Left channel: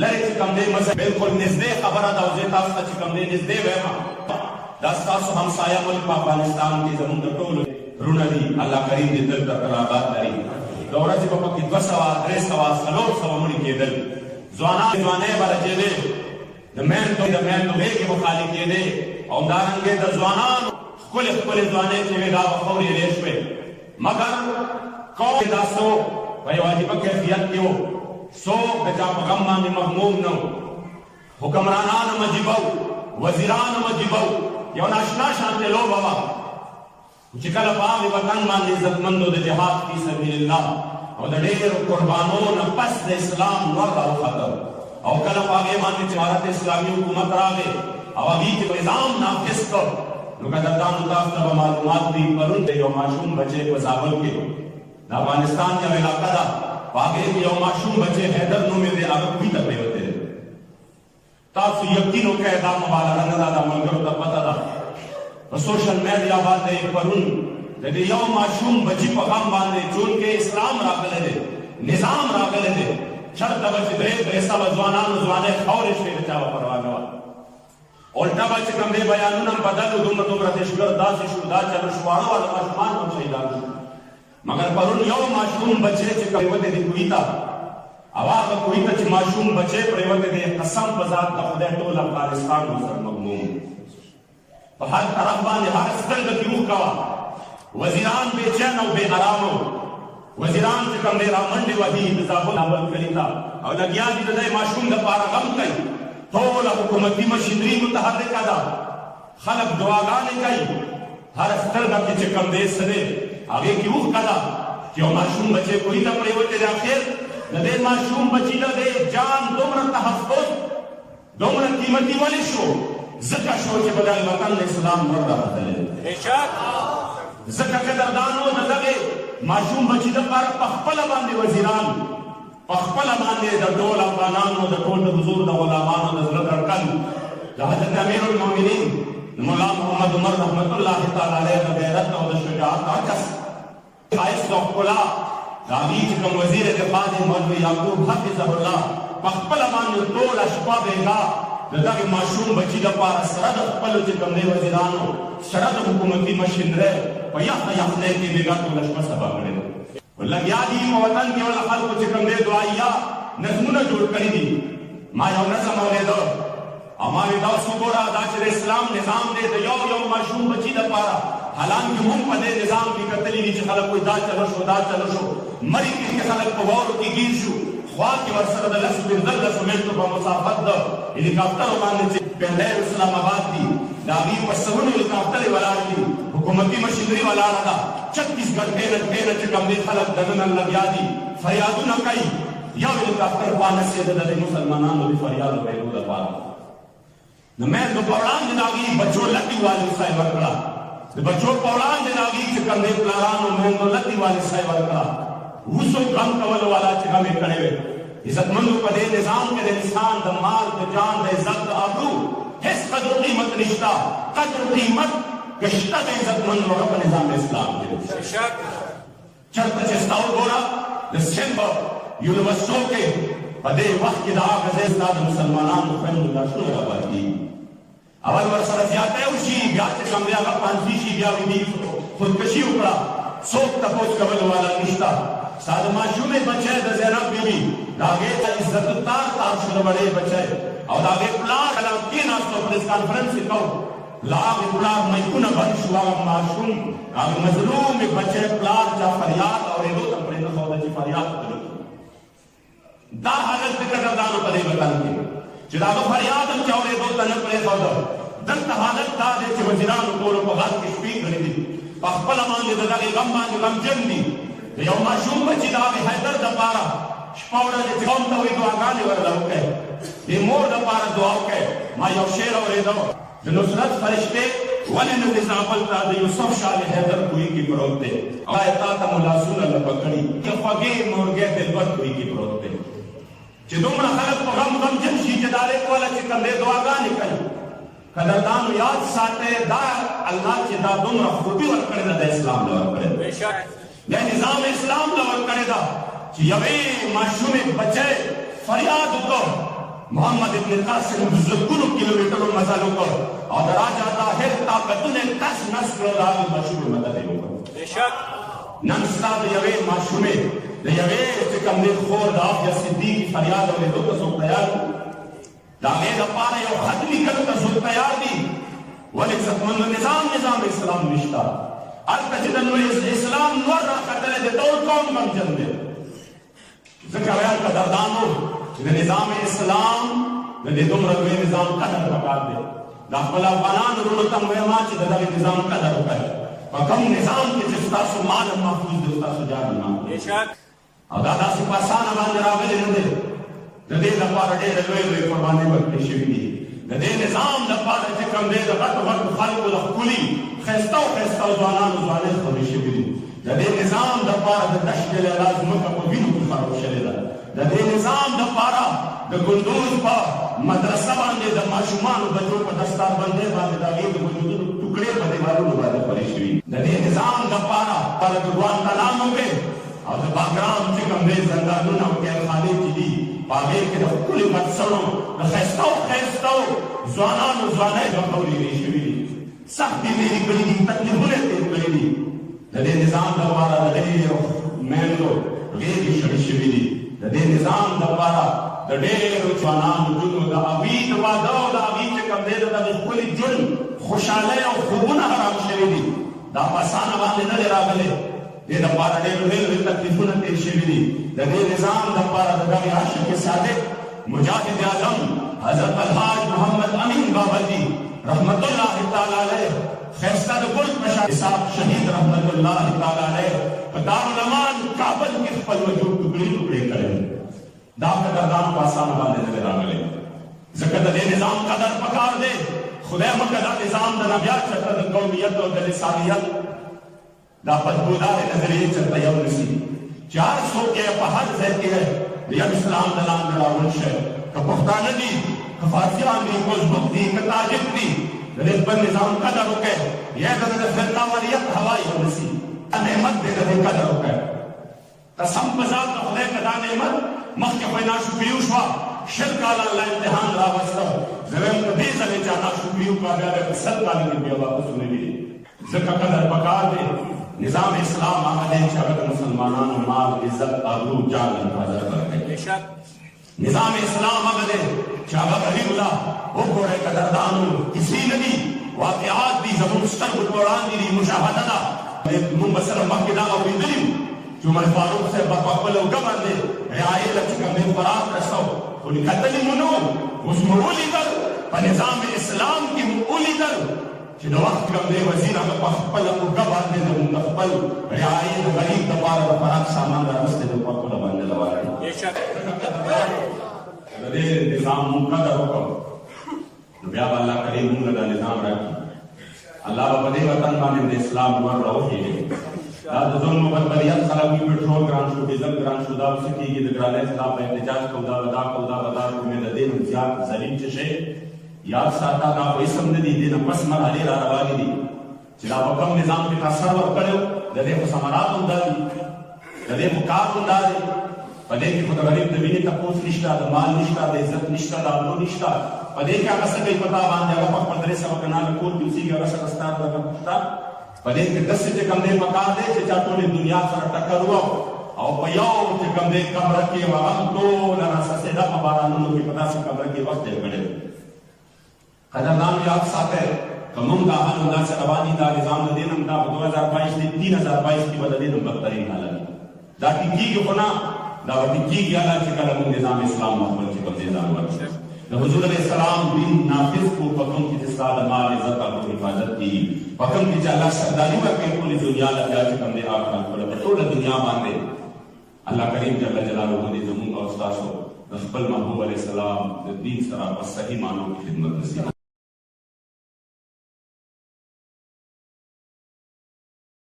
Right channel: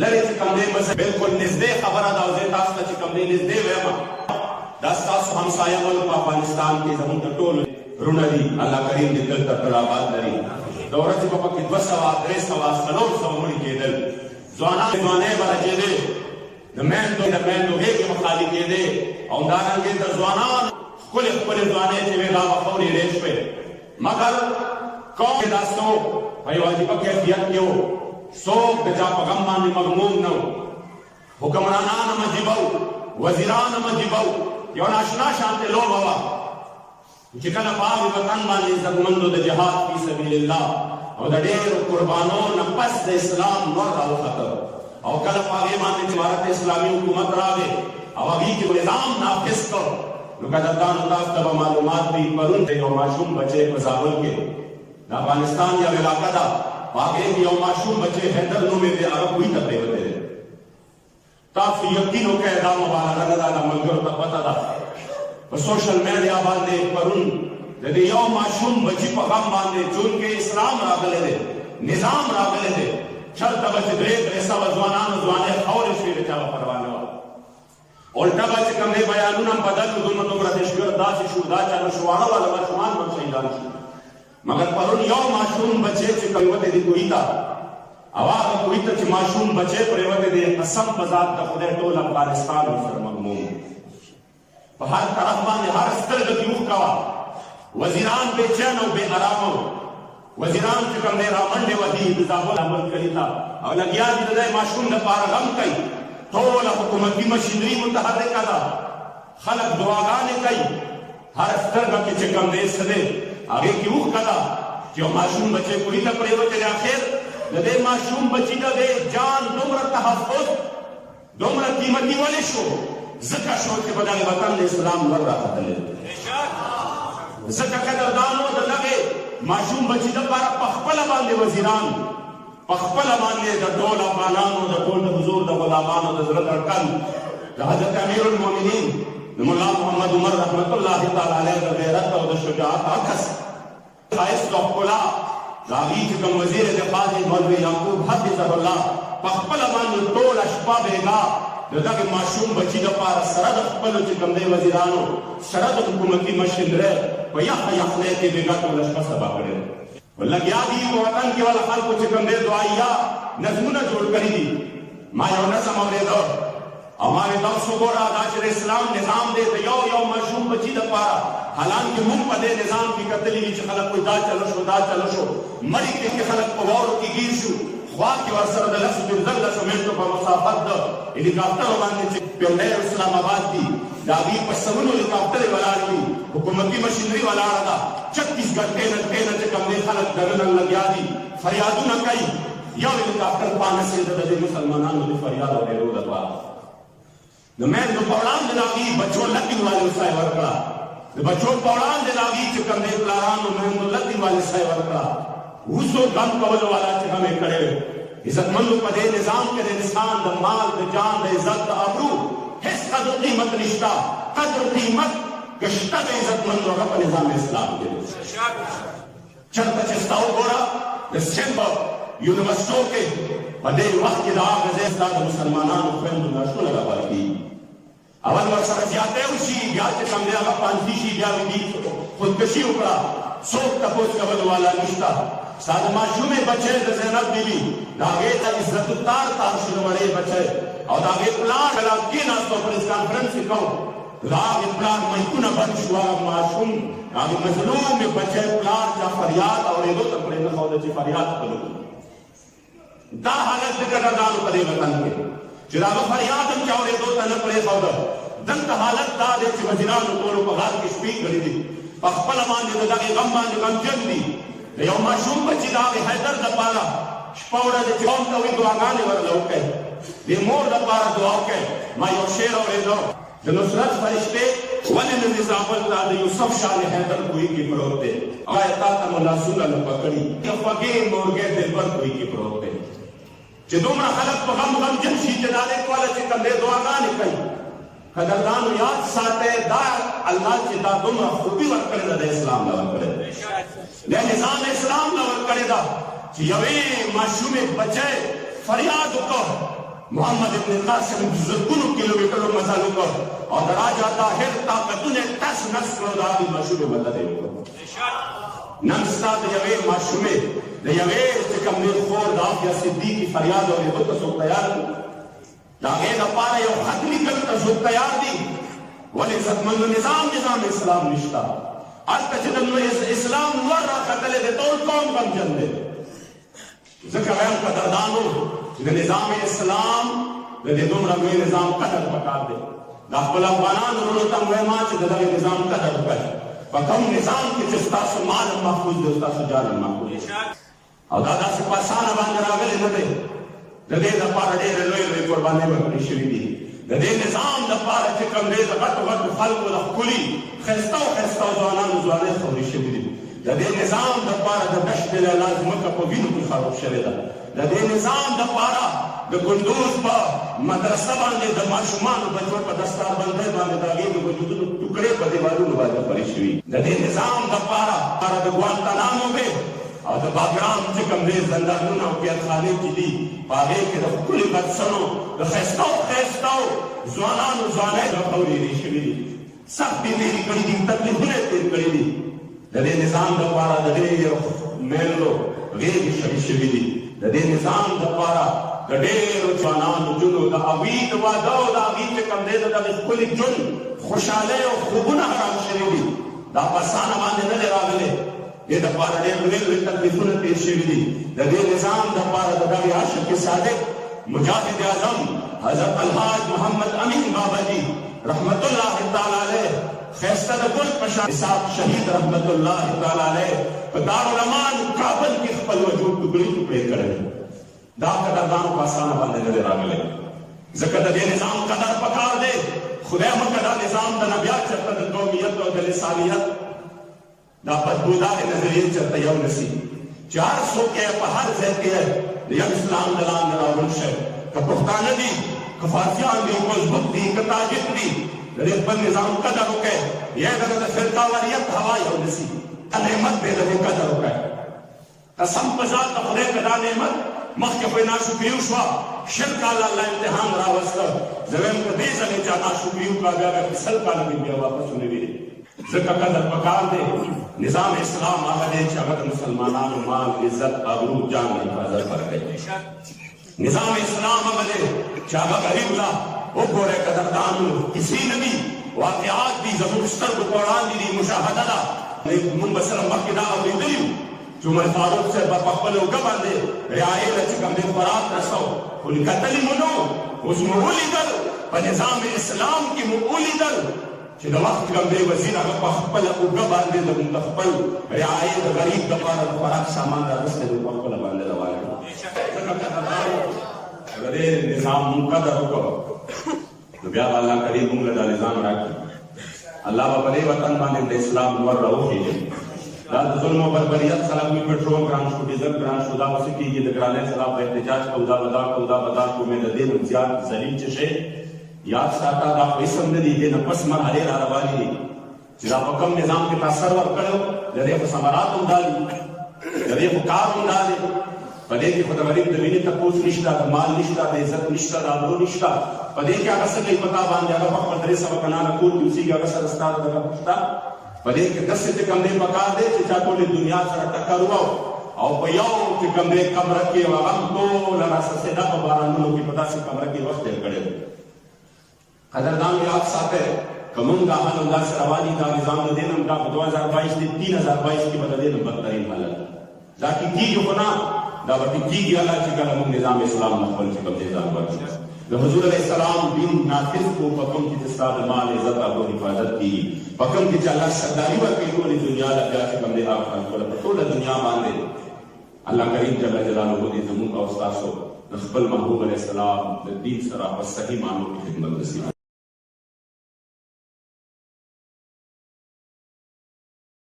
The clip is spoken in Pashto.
لري چې کوم دی مزه بالکل نږدې خبره ده او زه تاسو ته چې کوم دی نږدې وایم دا ستاسو همسایه ملک په افغانستان کې زموږ د ټولو رونه دي. الله کریم دې دلته تل آباد لري. د ورځې به پکې 200 300 400 مړي کېدل. ځوانان ځوانۍ به راجېدې، د میندو غېږې به خالي کېدې او همدارنګې د ځوانانو ښکلې ښکلې ځوانۍ چې وې دا به خورې رې شوې. مګر قوم دا څوک په یو عجیبه کیفیت کې و، څوک د چا په غم باندې مغموم نه و. حکمرانان هم عجیبه و، وزیران هم عجیبه و. یو ناشنا شانتې لوبه وه چې کله په هغې وطن باندې عزتمندو د جهاد فی سبیل الله او د ډېرو قربانو نه پس د اسلام نور راوخته او کله په هغې باندې چې امارت اسلامي حکومت راغی او هغې کې نظام نافظ کړ. نو قدردانو تاسو ته به معلومات وي، پرون د یو ماشوم بچی په زابل کې د افغانستان یو علاقه ده، په هغې کې یو ماشوم بچی حیدر نومې دی، هغه کوهي ته پرېوتی دی. تاسو یقین وکړئ دا مبالغه نه ده، دا ملګرو ته پته ده. په سوشل میډیا باندې پرون د دې یو ماشوم بچي په غم باندې چونکې اسلام راغلی دی، نظام راغلی دی، چرته به چې 300 ځوانانو ځوانۍ خاورې شوې د چا به پروا نه وه. الټه به چې کوم دی بیانونه هم بدل و، دومره دهشتګرد داسې شو، دا چلو شو، واړه واړه ماشومان هم شهیدان شو. مګر پرون یو ماشوم بچی چې پرېوتی دی کوهي ته، او هغه کوهي ته چې ماشوم بچی پرېوتی دی، قسم په ذات د خدای ټول افغانستان ورسره مغموم. په هر طرف باندې هر سترګه کې اوښکه وه. وزیران بې چین او بې ارامه وو. وزیران چې کوم دی رامنډې وهي د زابل کلي ته او لګیا دي د دې ماشوم دپاره غم کوي. ټوله حکومتي مشینري متحرکه ده، خلک دعاګانې کوي. هر سترګه کې چې کوم دی څه دی هغې کې اوښکه ده چې یو ماشوم بچی کوهي ته پرېوتی دی. اخر د دې ماشوم بچي د دې جان دومره تحفظ دومره قیمتي ولې شو؟ ځکه شو چې په دغه وطن د اسلام ور راغلی دی. ځکه قدردانو د دغې ماشوم بچي دپاره په خپله باندې وزیران، په خپله باندې د ټول افغانانو د ټول د حضور د غلامانو د زړه دړکن د حضرت امیر المؤمنین د ملا محمد عمر رحمت الله تعالی علیه د غیرت او د شجاعت عکس ښایست او ښکلا د هغې چې کوم وزیر دفاع دی مولوي یعقوب حفظه الله په خپله باندې ټوله شپه بېګا د دغې ماشوم بچي دپاره سره د خپلو چې کوم دی وزیرانو سره د حکومتي مشینرۍ په یخه یخنۍ کې بېګا ټوله شپه سبا کړې ده. لګیا دي په وطن کې ول خلکو چې کوم دی دعایه نظمونه جوړ کړي دي. ما یو نظم اورېده او ما وې دا اوس وګوره دا چې د اسلام نظام دی د یو ماشوم بچي دپاره، حالانکې مونږ په دې نظام کې کتلي دي چې خلک وایي دا چلو شو دا چلو شو، مرې کې خلک په واورو کې ګیر شو، خوا کې ورسره د 10-15 منټو په مسافت د هلیکاپټرو باندې چې پنډۍ اسلام آباد دي د هغې په سلونو هلیکاپټرې ولاړې دي، حکومتي مشینري ولاړه ده. 36 غنټې نه چې کوم دی خلک دننه لګیا دي، فریادونه کوي. یو هلیکاپټر پانسېده د دې مسلمانانو د فریاد اورېدو دپاره. د میندو په وړاندې د هغې بچو لکې والو سای ورکړه، د بچو په وړاندې د هغې چې کوم دی پلارانو میندو لکې والې سای ورکړه. اوسو غم کولو والا چې غم یې کړی وی. عزتمندو په دې نظام کې د انسان د مال د جان د عزت د ابرو هېڅ قدر قیمت نشته. قدر قیمت که شته د عزتمندو هغه په نظام اسلام کې دی. چېرته چې ستا وګوره د سند په یونیورسټو کې په دې وخت کې د هغه ځای ستا د مسلمانانو خویندو لاشونه راپاره کېږي. اول ورسره زیاتی وشي، بیا چې کوم دی هغه پانسي شي، بیا دې خودکشي وکړه، څوک تپوس کولو والا نشته. ستا د ماشومې بچی د زینب بیبي د هغې ته عزت تار شو د وړې بچی او د هغې پلار کله کېناستو پریس کانفرنس یې کو، د هغې پلار میکونه بند شو، هغه ماشوم هغې مظلومې بچی پلار چا فریاد اورېدو ته پرېنښوده چې فریاد وکړو. دا حالت د قدردانو په دې وطن کې چې د هغه فریاد هم چا اورېدو ته نه پرېښوده. دلته حالت دا دی چې وزیرانو ټولو په غار کې شپې کړي دي، په خپله باندې د دغې غم باندې غمجن دي. د یو ماشوم بچي د هغې حیدر دپاره شپه ورځې چې قوم ته وایي دعاګانې ورله وکړئ، د مور دپاره دعا وکړئ. ما یو شعر اورېده د نصرت فرشتې ولې نه دې زابل ته د یوسف شاه حیدر کوهي کې پروت دی، آیا تا ته مو لاسونه نه پکړي که خوږې مورګې دلبر کوهي کې پروت دی. چې دومره خلک په غم غمجن شي چې دا لیک والا چې کوم دی دعاګانې کوي. قدردانو یاد ساتئ دا الله چې دا دومره خوبي ورکړې ده د اسلام له ورکړې ده، د نظام اسلام له ورکړې ده چې یوې ماشومې بچی فریاد وکړ محمد ابن قاسم زرګونو کیلومترو مزل وکړ او د راجا طاهر طاقتونه تس نس کړو د هغې ماشومې مدد یې وکړ نن ستا د یوې ماشومې د یوې چې کوم دی خور د عافیه صدیقي فریاد اورېدو ته څوک تیار دي د هغې دپاره یو خط لیکلو ته څوک تیار دي ولې عزتمندو نظام اسلام نشته هلته چې د اسلام نور راختلی دی ټول قوم غمجن دی ځکه وایم قدردانو چې د نظام اسلام د دې دومره لوی نظام قدر پکار دی دا خپل افغانانو وروڼو ته هم وایم چې د دغې نظام قدر وکړئ په کوم نظام کې چې ستاسو مال محفوظ دی ستاسو جان محفوظ او دا داسې په اسانه باندې راغلی نه دی د دې لپاره ډېرې لویې قربانۍ ورکړې شوي دي د دې نظام لپاره چې کوم دی د غټو خلکو د ښکلي ښایسته ځوانانو ځوانۍ خورې شوي دي د دې نظام لپاره د دشت لیلا ځمکه په وینو کې خراب شوې ده د دې نظام لپاره د کندوز په مدرسه باندې د ماشومانو بچو په دستاربندۍ باندې د هغې د وجودونو ټوکړې په دیوالونو باندې خورې شوي د دې نظام لپاره د ګوانتانامو وې او د باګرام چې کوم دی زندانونه او قیدخانې چې دي په هغې کې د ښکلي بچسڼو د ښایسته ځوانانو ځوانۍ د خورېرې شوي دي سختې تېرې کړي دي تکلیفونه یې تېر کړي دي د دې نظام لپاره د ډېرو میندو غېږې شړې شوي دي د دې نظام لپاره د ډېرو ځوانانو جونو د هغوی د واده او د هغوی چې کوم دی د دغې ښکلي ژوند خوشحالۍ او خوبونه حرام شوي دي دا په اسانه باندې نه دی راغلی دې لپاره ډېر لوی تکلیفونه تېر شوي دي د دې نظام لپاره د دغې عاشق صادق مجاهد اعظم حضرت الحاج محمد امین بابا جي رحمت الله تعالی علیه ښایسته د ګل په شان صاحب شهید رحمت الله تعالی علیه په دارالمان کابل کې خپل وجود ټوکړې کړی دا قدردانو په اسانه باندې نه دی راغلی ځکه د دې نظام قدر پکار دی خدای مکه دا نظام د نبیا چېرته د قومیت او د لسانیت دا بدبودارې نظریې چېرته یو نسي چې هر څوک یې په هر ځای کې د یو اسلام د لاندې راوړل شي که پښتانه دي که فارسیان دي که ازبک دي که تاجک دي د دې خپل نظام قدر وکړئ یا د فرقاوریت هوا یو نسي نعمت دی د دې قدر وکړئ قسم په ذات د خدای که دا نعمت مخکې خو یې ناشکري وشوه شل کاله الله امتحان راوسته زه وایم که دې ځلې چا ناشکري وکړه بیا به سل کاله کې بیا واپس ونیوي ځکه قدر پکار دی نظام اسلام هغه دی چې هغه د مسلمانانو مال عزت ابرو جان حفاظت کوي نظام اسلام هغه دی چې هغه غریب لا وګورئ قدردانو کسی نه دي واقعات دي زموږ سترګو په وړاندې دي مشاهده ده موږ به سره مخکې دا اورېدلي وو چې عمر فاروق صاحب په خپله اوږه باندې رعایې له چې کوم دی خوراک رسو خو کتلي مو نه وو اوس مو ولیدل په نظام اسلام کې مو ولیدل چې د وخت کوم دی وزیر هغه په خپله اوږه باندې د خپل رعایې د غریب دپاره د خوراک سامان راوستی د په خپله باندې راوړی د دې نظام مونږ قدر وکړو نو بیا به الله کریم مونږ له دا نظام راکړي الله به په دې وطن باندې د اسلام نور راوخېږي دا د ظلم او بربریت خلاف وي پټرول ګران شو ډیزل ګران شو دا اوس کېږي د ګرانۍ خلاف به احتجاج کوو دا به دا کوو دا به دا کوو مې د دې نه زیات ظلم چې شی یاد ساته دا خو اسم نه دي دې نه پس مرحلې را روانې دي چې دا په کوم نظام کې تا سر ورکړی د دې خو ثمرات هم دا دي د دې خو کار هم دا دی په دې کې خو د غریب د وینې تپوس نشته د مال نشته د عزت نشته د ابرو نشته په دې کې هغه څه کوي په تا باندې هغه په خپل 300 کلانه کور کې اوسېږي هغه سره ستا دغه شته په دې کې داسې چې کوم دی پکار دی چې چا ټولې دنیا سره ټکر او په یو چې کوم دی کمره کې هغه ټوله راسسېده په بارانونو کې په داسې کمره کې وخت تېر کړی قدردانو یاد ساتئ که موږ دا حال همداسې روان دي دا نظام د دې نه دا په 2022 دی 3022 کې به د دې نه بدترین حالت دا ټیکېږي خو نه دا به ټیکېږي الله چې کله موږ نظام اسلام خپل چې کوم دی ځان ورکړي د حضور علیه السلام دین نافذ کړو په کوم کې چې ستا د مال عزت او حفاظت کېږي په کوم کې چې الله سرداري ورکوي ټولې دنیا له بیا چې کوم دی آخرت په ټوله دنیا باندې الله کریم جل جلاله دې زموږ او ستاسو د خپل محبوب علیه السلام د دین سره په صحیح معنو کې خدمت نصیب